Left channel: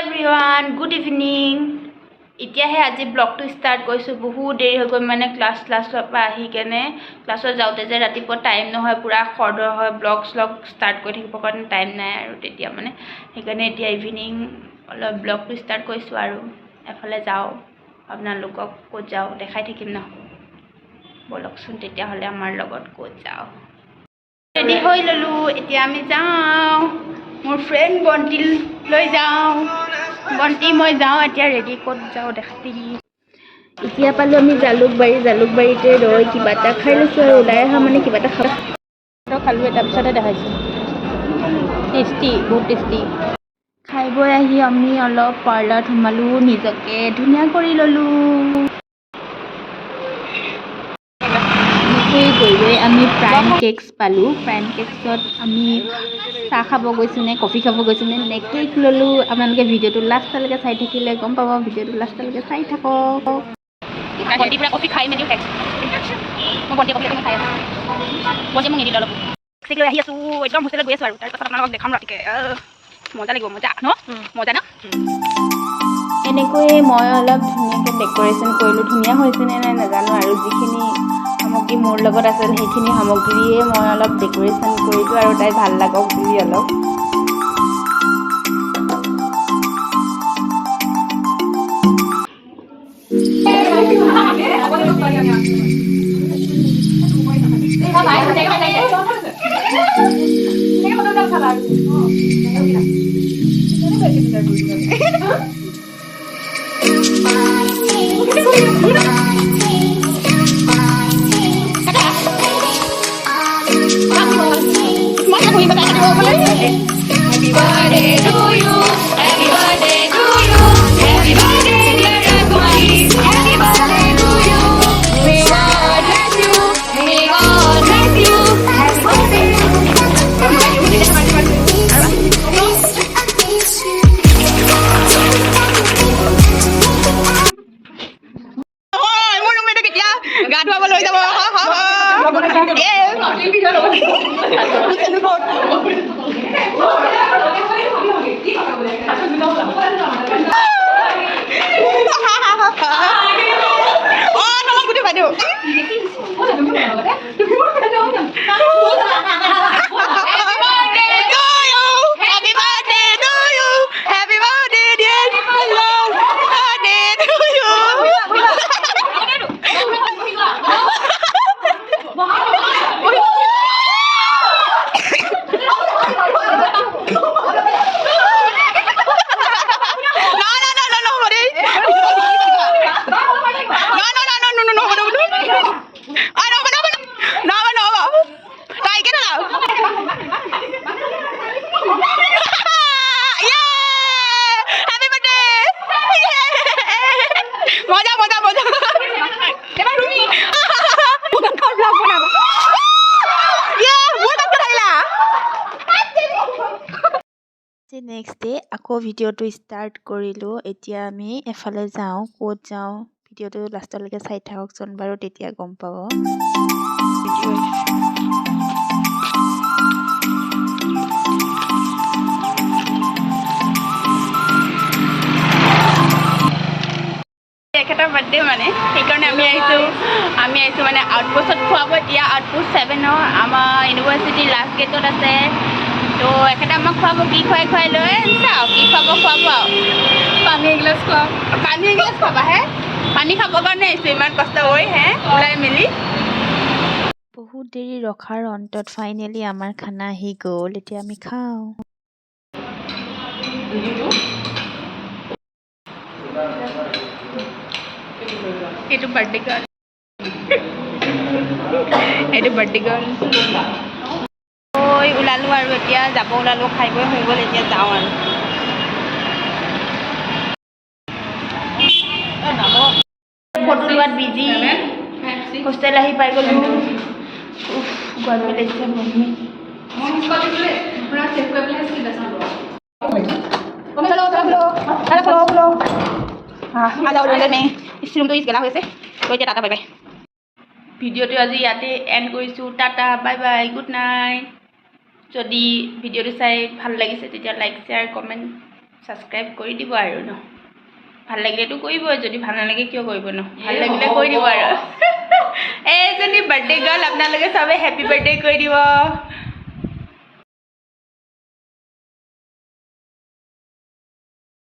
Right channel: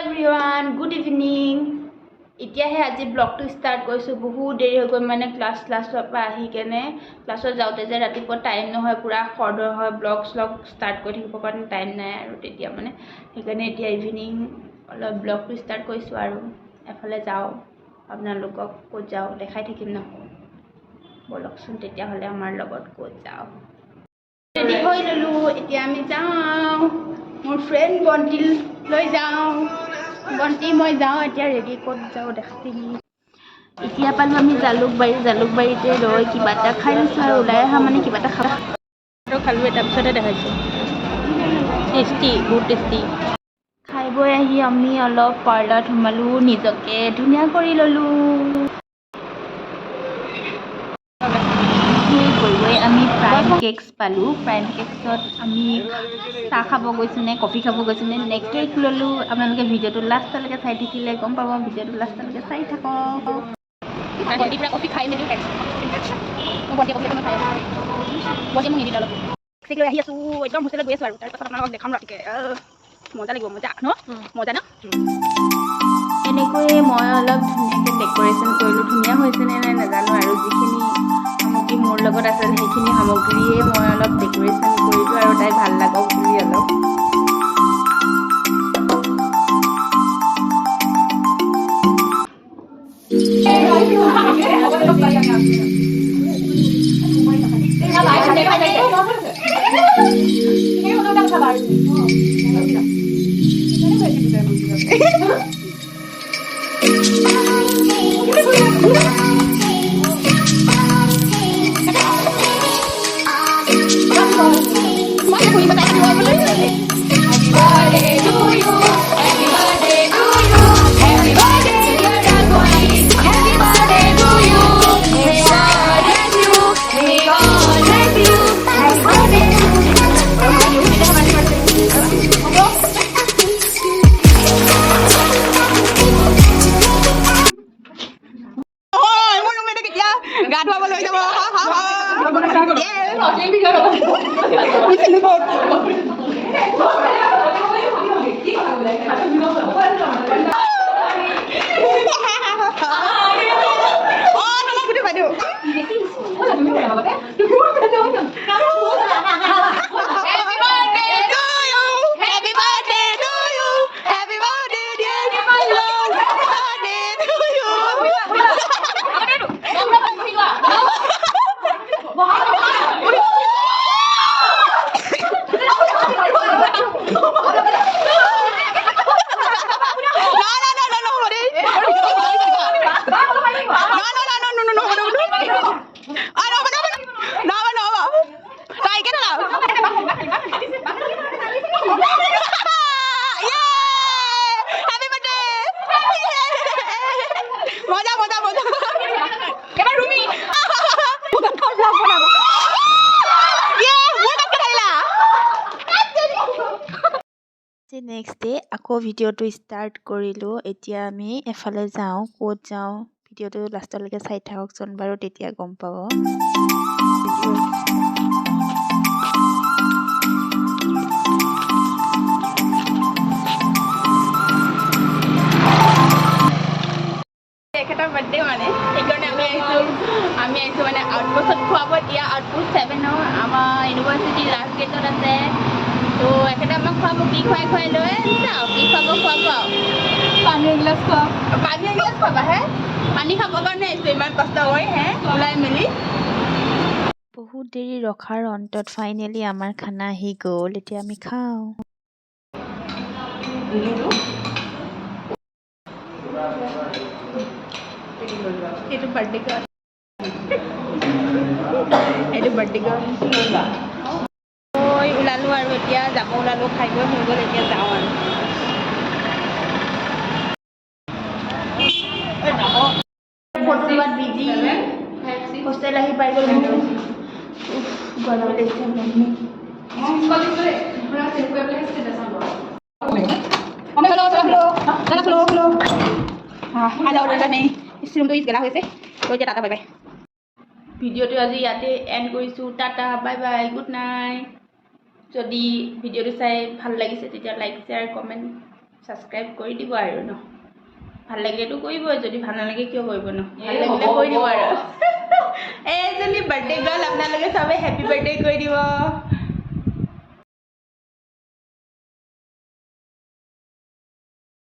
everyone good evening এতিয়াহে আজি ব্লগটো start কৰিছোঁ বহুত দেৰি হৈ গ'ল মানে ক্লাছৰ পৰা আহি কেনে ক্লাছত যাওঁতে যে ৰাতিপুৱা টাইম নহয় পুৰা খৰধৰ হয় ব্লগ ষ্টাৰ্ট কৰি থাকিবৰ কাৰণে টাইম নাই আৰু তেতিয়া মানে সেইকাৰণে এতিয়া ইভিনিং অলপ ব্লগটো ষ্টাৰ্ট কৰিছোঁ আৰু এফালে যাওঁ আপোনালোকক ক'ত যাওঁ দেখাই থাকিম ন বলকচোন তেতিয়াহ'লে আমাৰ লগত ক'ত যাওঁ ৰেডি হৈ ল'লোঁ এতিয়া আমি যাওঁ মোৰ ফ্ৰেণ্ড বণ্টিল লৈ যাওঁ বণ্টি মই যাওঁ এতিয়া ৰেডি ক'ত যাওঁ দেখাই এতিয়া পালোঁ আমি জালুকবাৰীতে ৰৈ কিবা এটা খাই লৈছোঁ আৰু ওলাই অহা মানে কিবা এটা খালোঁ তাৰপিছতে দেখাইছোঁ টেষ্টি বহুত টেষ্টি খাই বৈ আহি আমি অলপ পাৰ্লাৰত সোমালোঁ নিজকে ধুনীয়া কৰি ল'লোঁ গৈ গৈ আমি প্ৰাইম কেকছ পালোঁ প্ৰাইম কেকছত আমি চাহ খাব গৈছোঁ নে কফি খাব গৈছোঁ নে কেক ল'লোঁ আপোনালোকে ভিডিঅ'টো লাষ্টলৈকে চাই থাকিলে গম পাব ভিডিঅ'টো লাষ্টলৈকে চাই থাকক বণ্টি পূৰা কফি খাই মেলি খাইছোঁ মই বণ্টি কফি খাই আছোঁ বণ্টি মোক নিদিলে অলপ কেক লৈ আহি আছোঁ একদম হোষ্টেলত গৈ আছোঁ আৰু তাৰপিছত আপোনালোকক দেখাম ৰাতিকে মজা লাগিব মজা ন এনেকৈ মই অলপ ধুনীয়াকৈ ডেক'ৰেশ্যন কৰিলোঁ ধুনীয়া হৈছেনে নাই নাজানো আৰু যিখিনি সামগ্ৰী মোৰ লগত আছিল সেইখিনি সামগ্ৰীয়ে মই অলপ ডেক'ৰেশ্যন কৰিলোঁ আৰু তাই ভাল লাগক বুলি অলপ নেক্সট ডে আকৌ ভিডিঅ'টো ষ্টাৰ্ট কৰিলোঁ এতিয়া আমি এফালে যাওঁ ক'ত যাওঁ ভিডিঅ'টো লাষ্টলৈকে চাই থাককচোন বাৰু তেতিয়া গম পাব তেখেতৰ বাৰ্থডে মানে সেইকাৰণে আমি আহিছোঁ মানে আউটপোষ্টত খুৱাব এতিয়া আউটপোষ্ট 7 আমাৰ ইউনিভাৰ্চিটি লাষ্ট গেটত আছে তো এখেতে আমাক খুৱাব কি খুৱাই লৈ চাওঁ কি খুৱাব আৰু পানী এগিলাচ খুৱাবা হে পানী খাবৰ কাৰণে আহিছোঁ ইমান কষ্ট হৈ হে ওলাই মেলি বহুত দেৰি ৰখাৰ অন্তত ফাইনেলি আমাৰ খানা আহি গ'ল এতিয়া আমি খাওঁ এইটো বাৰ্থডে গাৰ্ল ওলালোঁ আৰু এতিয়া যাব ওলালোঁ খাই বৈ হৈ গ'ল এতিয়া যাওঁ আৰু ফটো লোৱাত বিজি হোষ্টেল আহি পাই গ'লোঁ গৰমি লাগিছে ভিডিঅ'টো আজি ইয়াতে এণ্ড কৰিছোঁ tata bye bye good night যদি ভিডিঅ'টো চাই ভাল লাগিছে তেতিয়া লাইক শ্বেয়াৰ কমেণ্ট ছাবস্ক্ৰাইব কৰি দিব আৰু ন ভাল লাগিলেতো কৰিবই যদি ভাল নালাগে কিয় কৰিব ন ভাল লাগিলে কৰি দিব আৰু এইজনী বাৰ্থডে গাৰ্ল আপোনালোকে চবে হেপী বাৰ্থডে কৰি দিব